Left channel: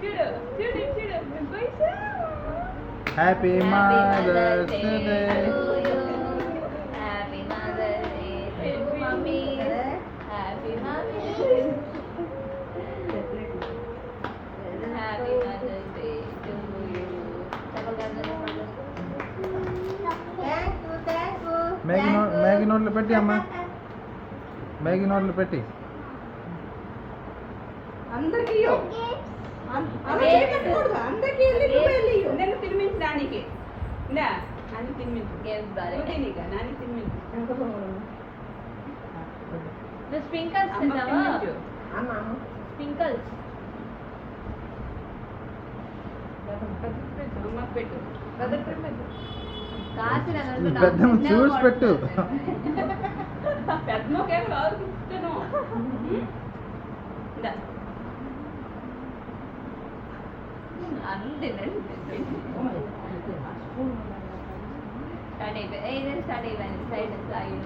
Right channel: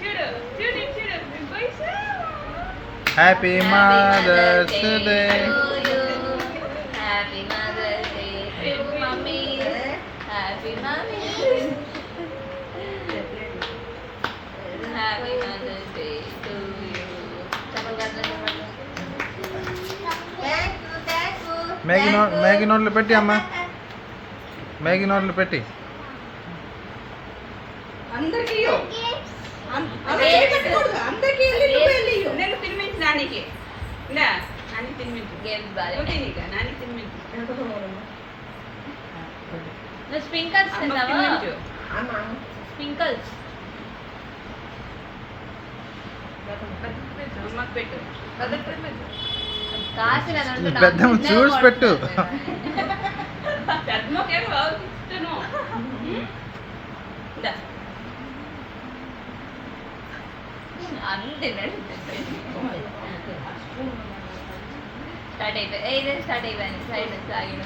చూడు చూడు చూడు happy mother's day. Happy mother's day mummy. Happy mummy. Happy mother's day to you. Maggi నోట్లు పెట్టి అమ్మ, మ్యాగీ నోట్లు పెట్టి. అందరికీ నేను తినిపించు నానికి. నాని తినిపించు. గేమ్స్ బాగా నాని తినిపించు. నువ్వు స్ప్రింకల్స్ తిన్నావా? స్ప్రింకల్స్ అమ్మకి పెట్టు. కాసిన పెద్దమ్మ చూసి పెట్టు. పెద్దమ్మకేం బాగా ఇష్టను. అంతే స్టార్ట్ అయిపోయింది. స్టార్ట్ అయిపోయింది. సైడ్ సాగిన